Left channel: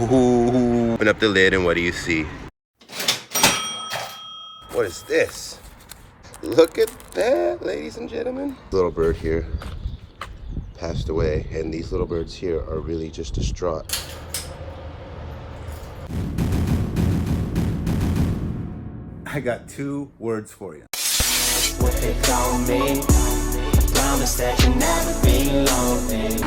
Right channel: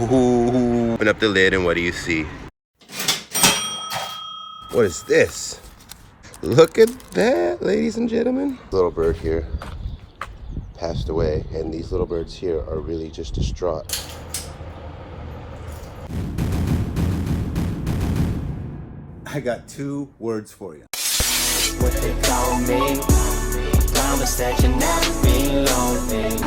Open up the lid and what do you see? What is this? Look at that, ladies and gentlemen. Little bird here passed away, and these little birds here are really just distraught. I got 2 words for you. What they call me, promise that you never be lonely.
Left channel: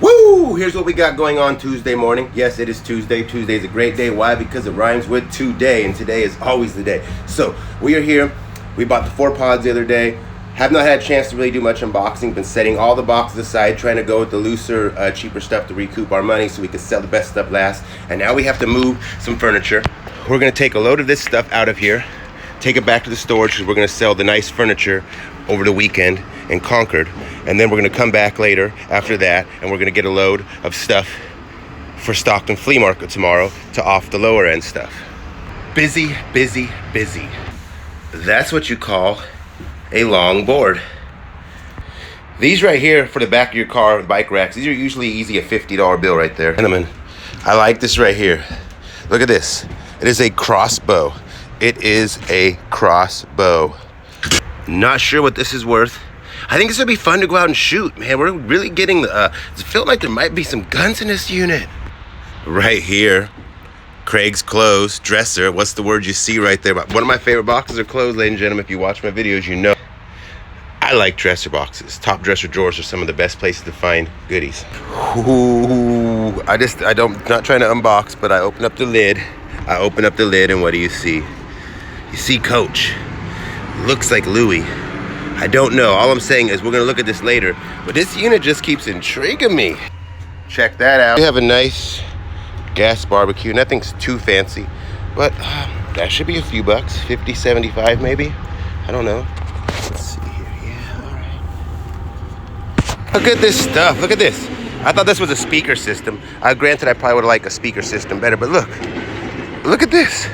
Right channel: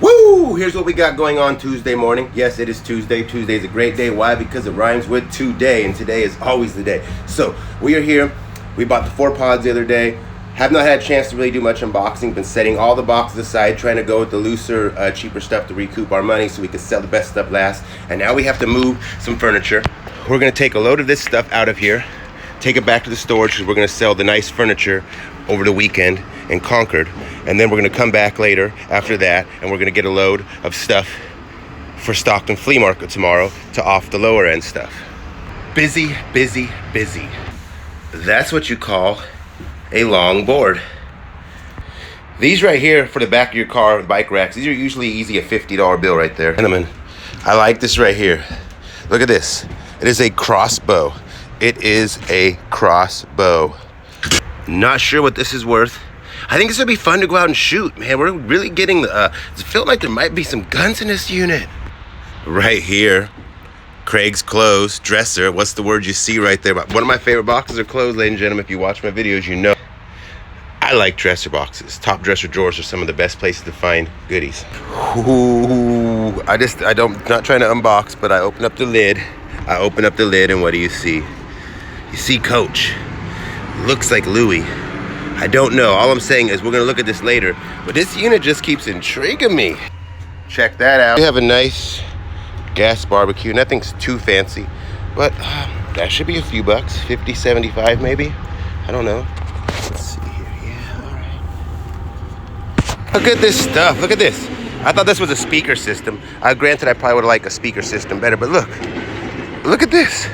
Woo! Here's what we got going on Tuesday morning. Yes, it is Tuesday. Tuesday is a great day. Why? Because it rhymes with today, and today is always the day. So we are here. We bought the 4 pods the other day. Have not had a chance to really do much unboxing. Been setting all the boxes aside, trying to go with the looser, cheaper stuff to recoup our money so we can sell the best stuff last. And now we have to move some furniture. We're gonna take a load of this stuff out of here, take it back to the storage because we're gonna sell the nice furniture over the weekend in Concord. And then we're gonna come back later after that and we're gonna get a load of stuff for Stockton Flea Market tomorrow to off the lower end stuff. Busy, busy, busy. That's what you call a long board. These right here for the back of your car, bike racks, these are usually easy a $50 bill right there. Gentlemen, I like this right here. Look at this. It is a crossbow. It is a crossbow. Not sure what this is worth. I think this would be fun to go out and shoot, man. We're really getting the, it feels like there might be some guns in this unit. Right here, Craig's clothes, dresser. What's the word you see right there? One of my favorite boxes of clothes, ladies and gentlemen. If you watch my videos, you know I like dresser boxes. Top dresser drawers are some of the best places to find goodies. Ooh, not trying to unbox, but I open up the lid. And what do you see? You see Coach. Looks like Louis. I don't know. All I'm saying is we're gonna look at this later, but this unit just keeps intriguing me. Check that out. We have a nice gas barbecue. Nothing's too fancy, but that should be a few bucks. 50, 75 maybe. I don't know. Let's see here. Yeah, all right. Look at this stuff. Look at this. I thought this was a speaker system. Granted, I probably would have liked a speaker system better, but look. Look at this.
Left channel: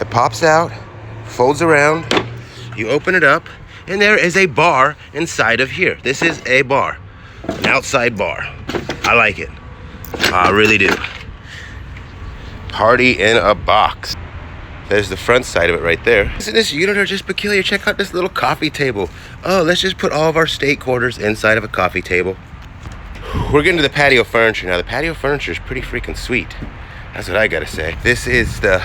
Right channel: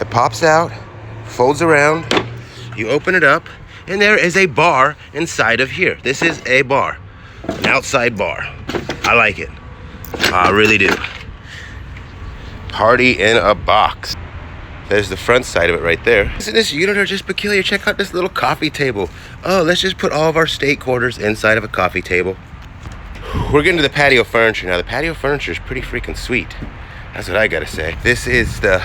It pops out, folds around. You open it up, and there is a bar inside of here. This is a bar, an outside bar. I like it. I really do. Party in a box. There's the front side of it right there. This unit are just peculiar. Check out this little coffee table. Oh, let's just put all of our state quarters inside of a coffee table. We're getting to the patio furniture now. The patio furniture is pretty freaking sweet. That's what I gotta say. This is the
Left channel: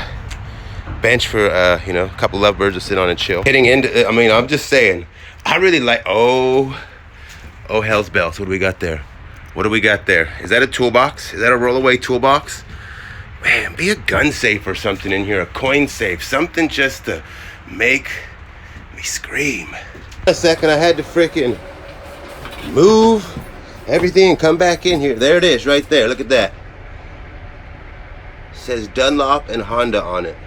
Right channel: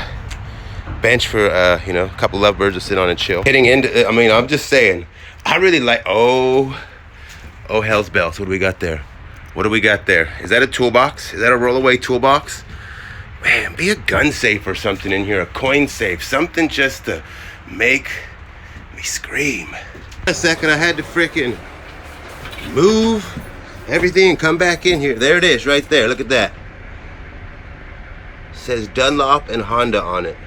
bench for, you know, a couple lovebirds to sit on and chill. Getting into, I mean, I'm just saying, I really like, oh, hell's bells. What do we got there? What do we got there? Is that a toolbox? Is that a rollaway toolbox? Man, be a gun safe or something in here, a coin safe, something just to make me scream. A second, I had to freaking move everything and come back in here. There it is, right there. Look at that. It says Dunlop and Honda on it.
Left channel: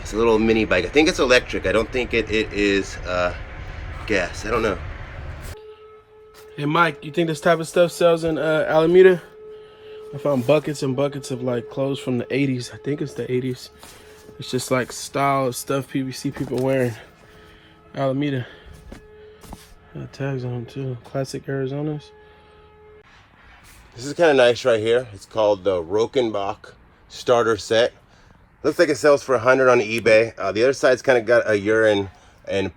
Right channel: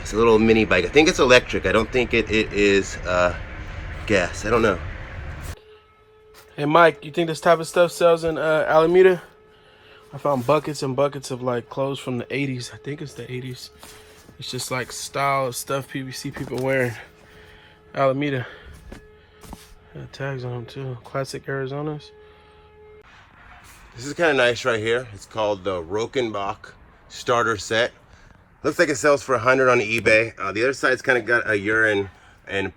It's a little mini bike. I think it's electric. I don't think it is gas. I don't know. Hey Mike, you think this type of stuff sells in Alameda? I found buckets and buckets of like clothes from the 80s. I think it's the 80s. It's just like style of stuff people see people wearing. Alameda. Got tags on them too. Classic Arizonas. This is kind of nice right here. It's called the Rokenbach starter set. Looks like it sells for $100 on eBay. The other side's kind of got a urine and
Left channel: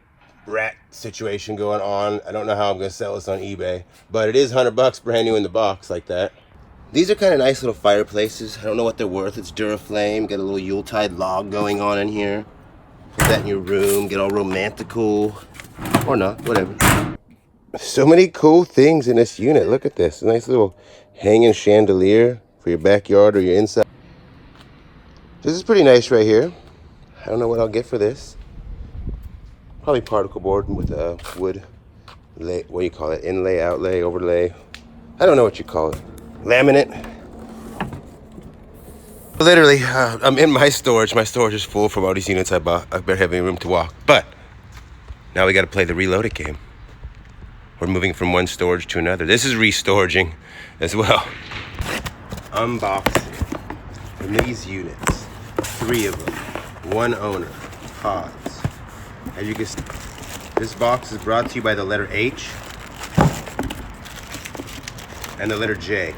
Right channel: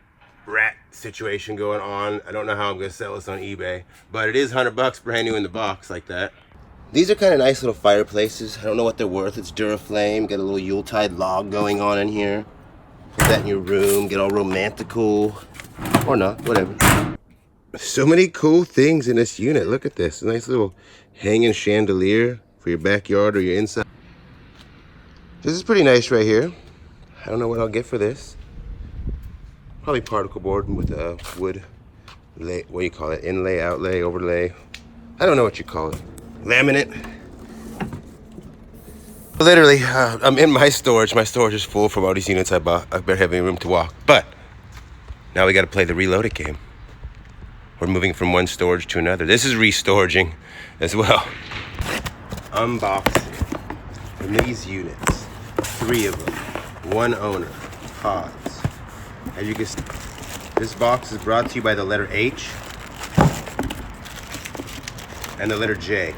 rat situation going on. I don't know how I'm gonna sell this on eBay, but it is $100 brand new in the box like that. These are kind of nice little fireplaces. I don't know what they're worth. It's Duraflame. Got a little Yuletide log going on in here. Put that in your room. Get all romantical. Or not, whatever. So many cool things in this unit. Look at this. A nice little hanging chandelier for your backyard or your inside. This is pretty nice right here. I don't know what I'll get for this. Probably particle board with wood, what do you call it? Inlay, outlay, overlay. I don't know what you call it. Laminate. Literally, I'm in my storage. My storage is full from all these units I bought. I better have any room to walk. But now we got to play the reloaded game. We're moving from one storage to another. This is restoraging as well. Unboxing from these units. 3 of them. 1 owner. Pods. As you can see, this box is brought to you by the letter H. and the letter J.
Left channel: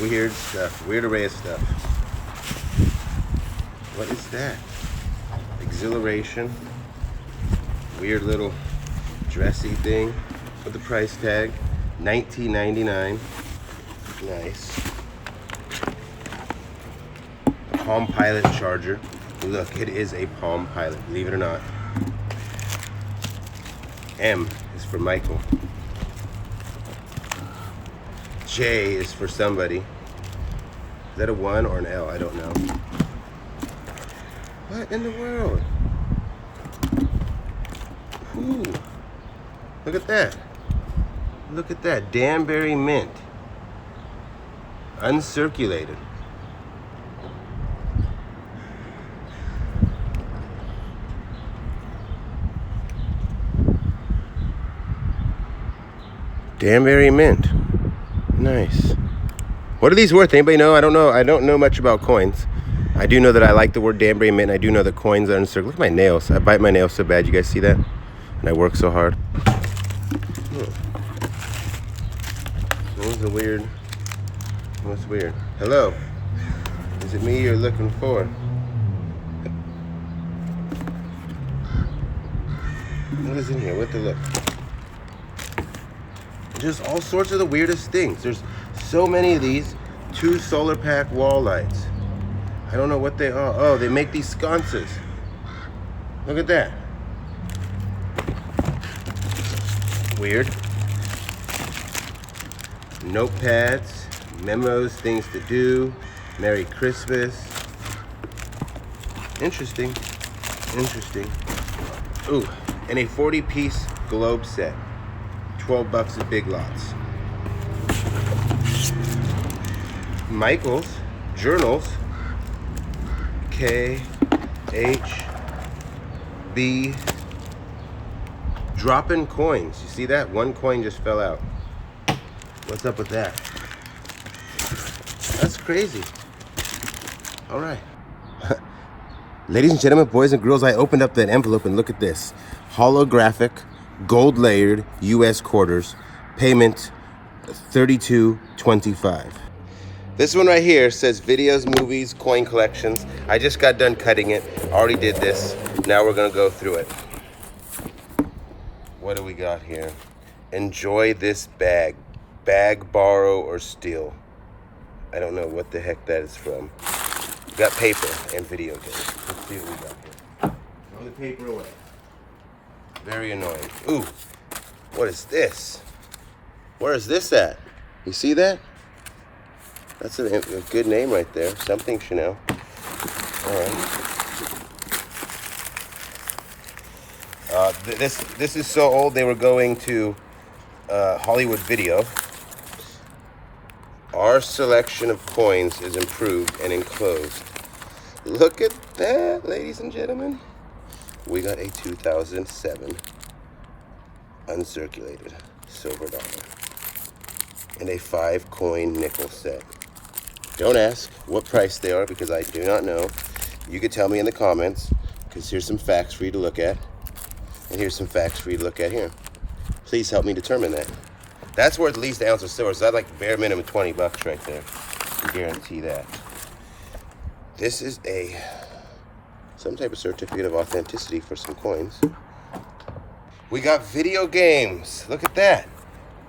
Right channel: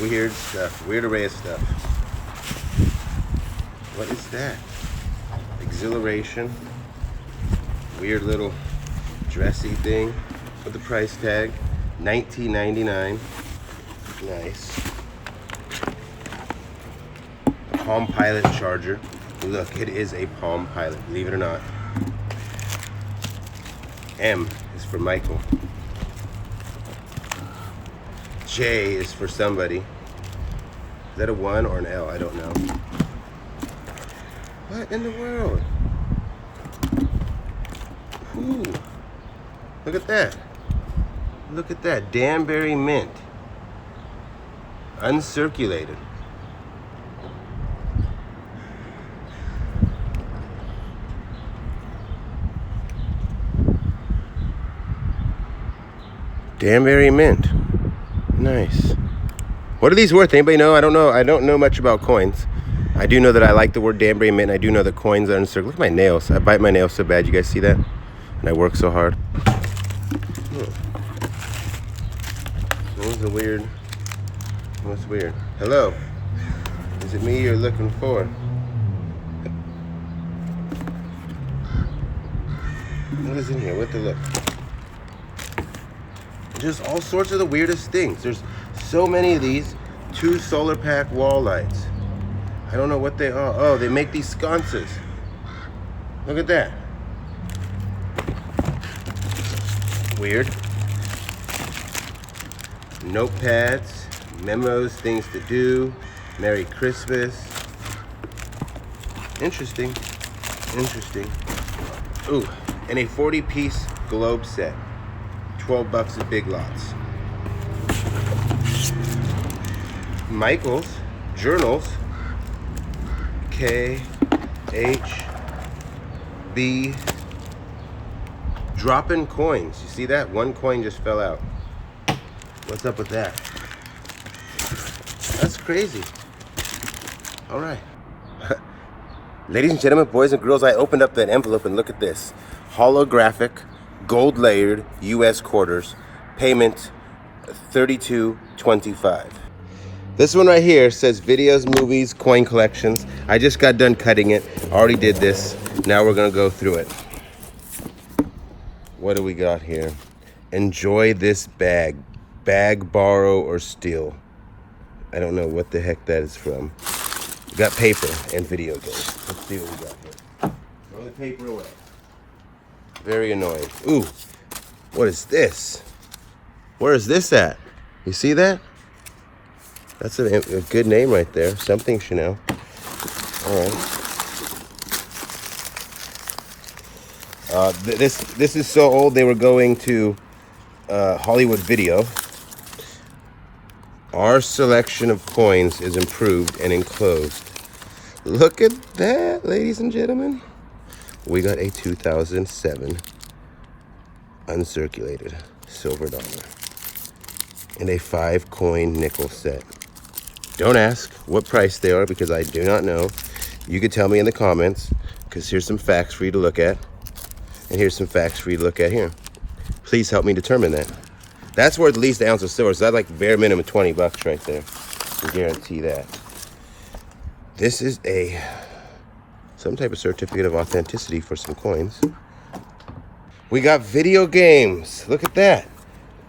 Weird stuff, weird array of stuff. What is that? Exhilaration. Weird little dressy thing with the price tag. $19.99. Nice. Palm Pilot charger. Look, it is a Palm Pilot, believe it or not. M is for Michael. J is for somebody. Is that a 1 or an L? I don't know. What in the world? Ooh. Look at that. Look at that. Danbury mint. Uncirculated. Danbury mint. Nice. What are these worth? Anybody know? I don't know. I don't know much about coins. I do know that I like the word Danbury mint. I do know the coins are uncirculated. Look at my nails. I bite my nails so bad. You guys see that? And I work so hard. What's weird? What's weird? Hello. Is it me you're looking for? What is in here? What the look? Just all sorts of the weirdest things. There's so many of these. 2 solar pack wall lights. I don't know what they are. Oh, they make these sconces. Look at that. Weird. Notepads, memos, things to do. Merry Christmas. Interesting. Interesting. Ooh, and a 40-piece globe set. $12 at Big Lots. Michael's journals. K, H, B. Dropping coins. You see that? 1 coin just fell out. What's up with that? That's crazy. All right. Ladies and gentlemen, boys and girls, I opened up that envelope and look at this. Holographic, gold layered US quarters. Payment $32.25. This one right here says videos, movies, coin collections. I just got done cutting it. Already did this. Now we're gonna go through it. What do we got here? Enjoy this bag. Bag, borrow, or steal. I don't know what the heck that is from. We got paper and video games. Let's see what we got here. Throw the paper away. Very annoying. Ooh, what is this? Where is this at? You see that? That's a good name right there. Something you know. All right. This is so old. They were going to Hollywood Video. Our selection of coins is improved and enclosed. Look at that, ladies and gentlemen. We got a 2007 uncirculated silver dollar and a 5-coin nickel set. Don't ask what price they are because I do not know. You can tell me in the comments because here's some facts for you to look at. And here's some facts for you to look at here. Please help me determine that. That's worth at least an ounce of silver, so that's like bare minimum $20 right there. I guarantee that. This is some type of certificate of authenticity for some coins. We got video games. Look at that.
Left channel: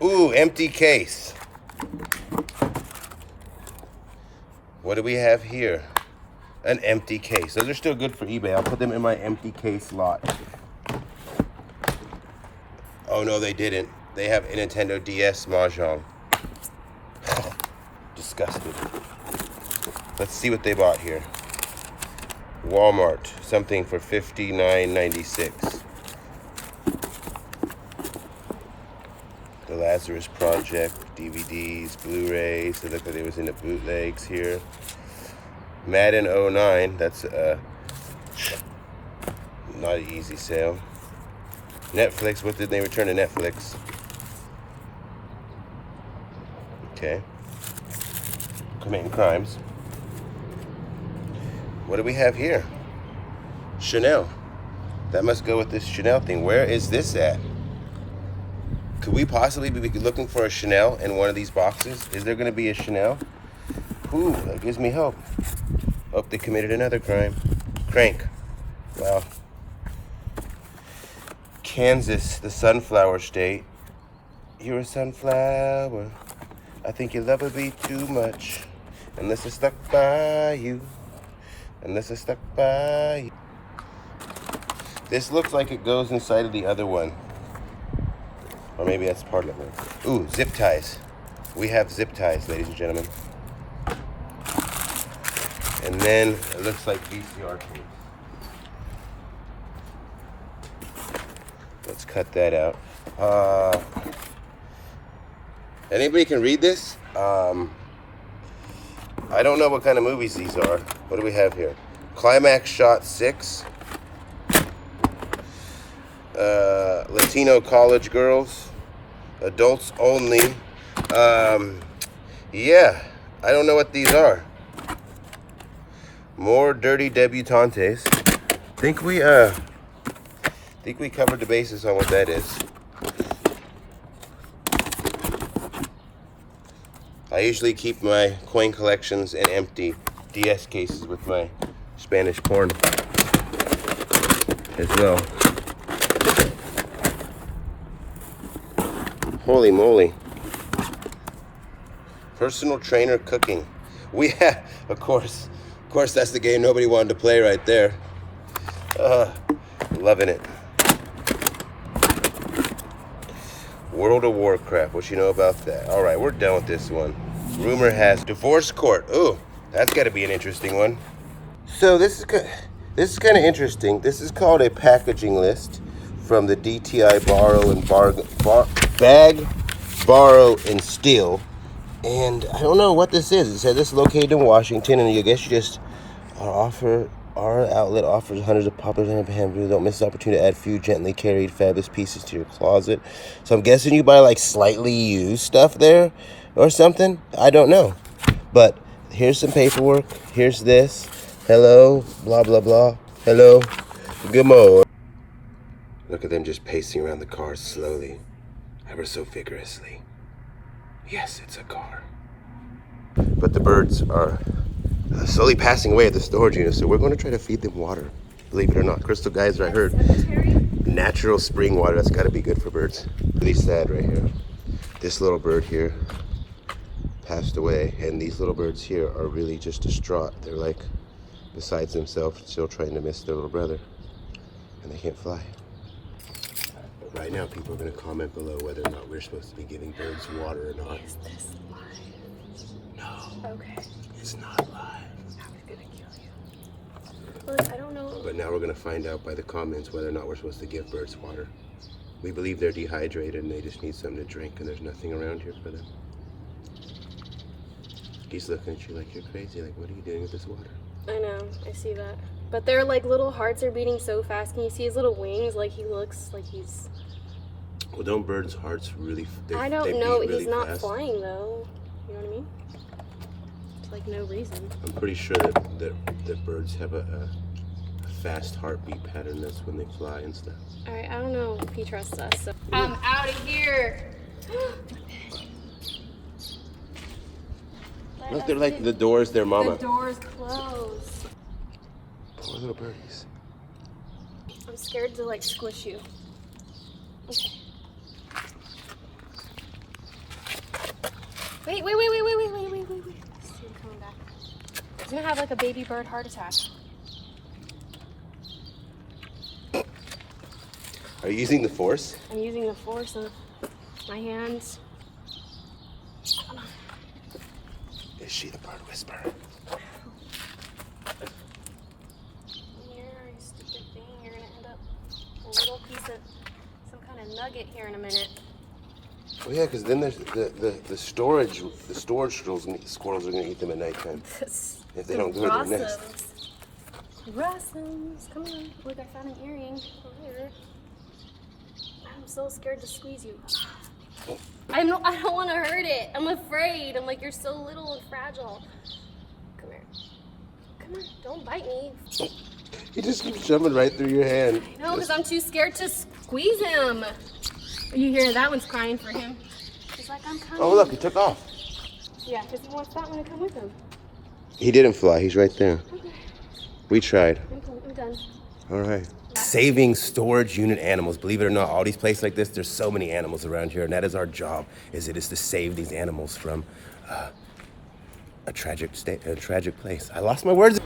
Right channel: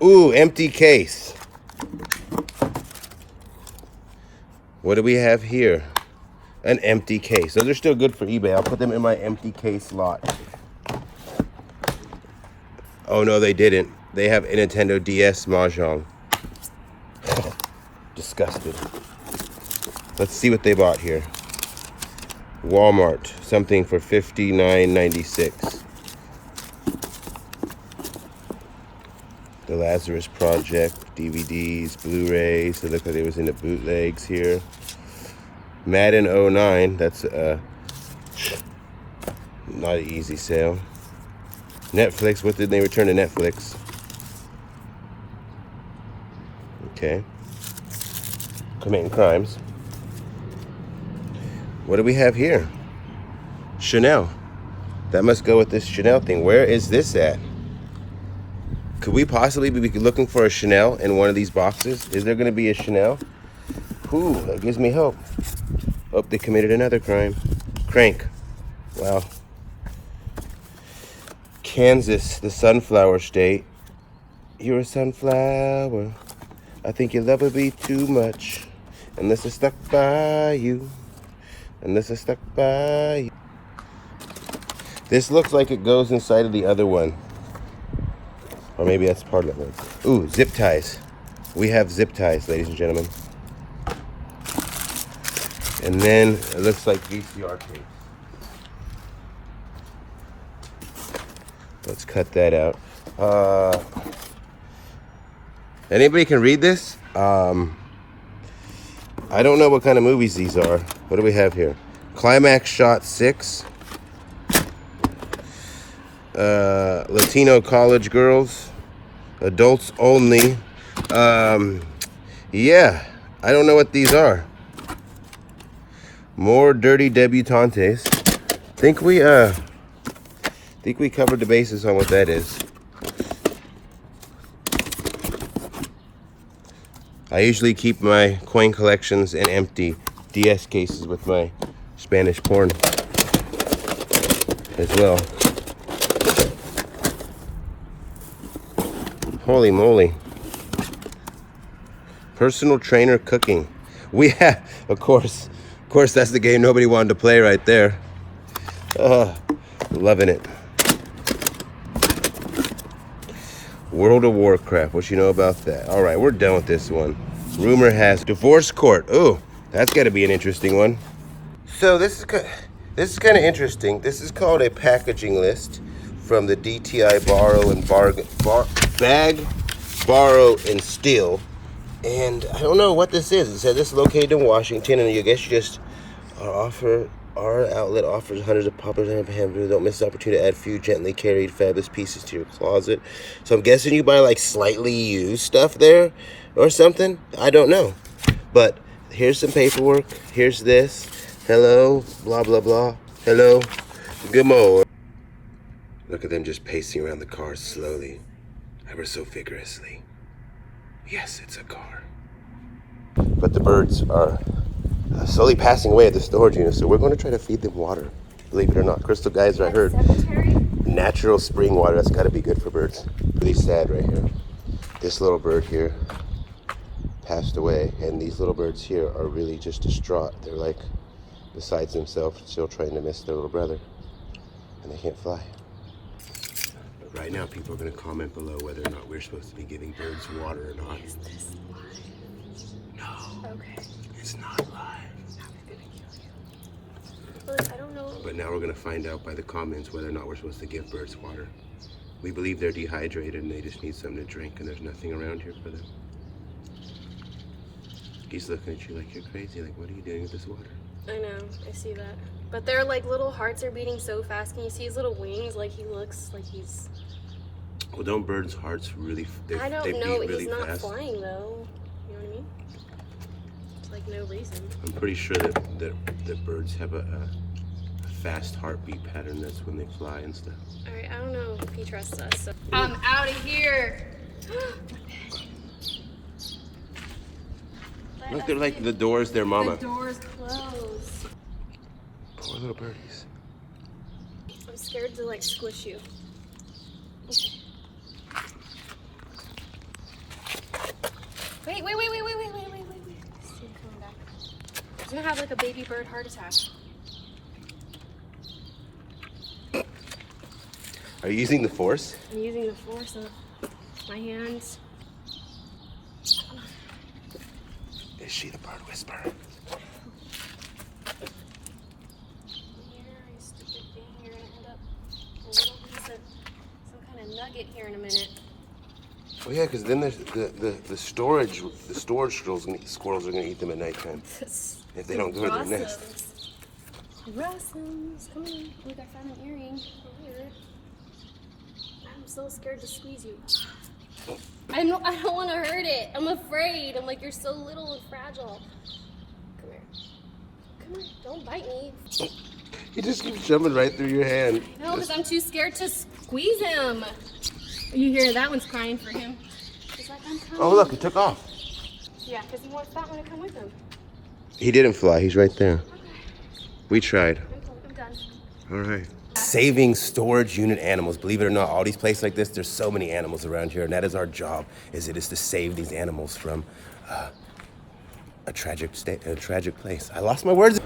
Ooh, empty case. What do we have here? An empty case. Those are still good for eBay. I'll put them in my empty case lot. Oh no, they didn't. They have a Nintendo DS Mahjong. Disgusting. Let's see what they bought here. Walmart, something for $59.96. The Lazarus Project, DVDs, Blu-rays. They look like they was in the bootlegs here. Madden 09, that's not an easy sale. Netflix, what did they return to Netflix? Okay. Committing crimes. What do we have here? Chanel. That must go with this Chanel thing. Where is this at? Could we possibly be looking for a Chanel in one of these boxes? Is there going to be a Chanel? Ooh, that gives me hope. Hope they committed another crime. Crank. Wow. Kansas, the sunflower state. You're a sunflower. I think your love would be too much. Unless it's stuck by you. Unless it's stuck by you. This looks like it goes inside of the other one. Or maybe that's part of it. Ooh, zip ties. We have zip ties, ladies and gentlemen. And then it looks like VCR tapes. Let's cut that out. Anybody can read this? I don't know what kind of movies these are. What do we have here? Climax Shot 6. Latino college girls. Adults only. Yeah, I don't know what these are. More dirty debutantes. Think we covered the bases on what that is. I usually keep my coin collections in empty DS cases with my Spanish porn as well. Holy moly. Personal trainer cooking. We have, of course, that's the game nobody wanted to play right there. Loving it. World of Warcraft, what you know about that? All right, we're done with this one. Rumor has divorce court. Ooh, that's got to be an interesting one. So this is kind of interesting. This is called a packaging list from the DTI Bag, Borrow, and Steal. And I don't know what this is. It says this is located in Washington, and I guess you just our outlet offers hundreds of popular hamburgers. Don't miss the opportunity to add few gently carried fabulous pieces to your closet. So I'm guessing you buy like slightly used stuff there or something. I don't know. But here's some paperwork. Here's this. Hello, blah, blah, blah. Hello, good morning. Look at them just pacing around the car slowly, ever so vigorously. Yes, it's a car. But the birds are slowly passing away at the storage unit, so we're going to try to feed them water. Believe it or not. Crystal Geyser, I heard. Natural spring water, that's got to be good for birds. Really sad right here. This little bird here passed away, and these little birds here are really just distraught. They're like besides themselves, still trying to miss their little brother, and they can't fly. But right now, people are going to comment below whether or not we're supposed to be giving birds water or not. Is this live? No. Okay. It's not live. Look, I don't know. But now we're going to find out by the comments whether or not we're supposed to give birds water. We believe they're dehydrated and they just need something to drink, and there's nothing around here for them. He's looking at you like you're crazy. Like, what are you doing with this water? I know, I see that. But their like little hearts are beating so fast. Can you see his little wings? Like he looks like he's... Well, don't birds' hearts really... I don't know. Really he's not fast? flying though. You know what I mean? It's like no reason. I'm pretty sure that birds have a fast heartbeat pattern. That's when they fly and stuff. Alright, I don't know if he trusts us. So. I'm out of here! Look, they're like the door's their mama. The door's closed. Poor little birdies. I'm scared to like squish you. Okay. Wait. See him coming back. He's gonna have like a baby bird heart attack. Are you using the force? I'm using the force of my hands. Is she the bird whisperer? Here, you stupid thing. You're gonna end up a little piece of some kind of nugget here in a minute. Oh yeah, because then there's the storage squirrels are gonna eat them at nighttime if they don't go to their nest. Rossums, come on. Look, I found an earring over here. I'm so scared to squeeze you. I don't want to hurt it. I'm afraid. I'm like, you're so little and fragile. Come here. Come on, don't bite me. He just keeps jumping right through your hand. No, because I'm too scared to squeeze him. You hear that one's crying for him. He's like, I'm coming. Oh, look, he took off. Yeah, because he wants that one to come with him. He didn't fly. He's right there. Okay. We tried. I'm done. All right. Saving storage unit animals. Believe it or not, all these places like this, there's so many animals around here, and that is our job. Is to save these animals from a tragic place. I lost my words.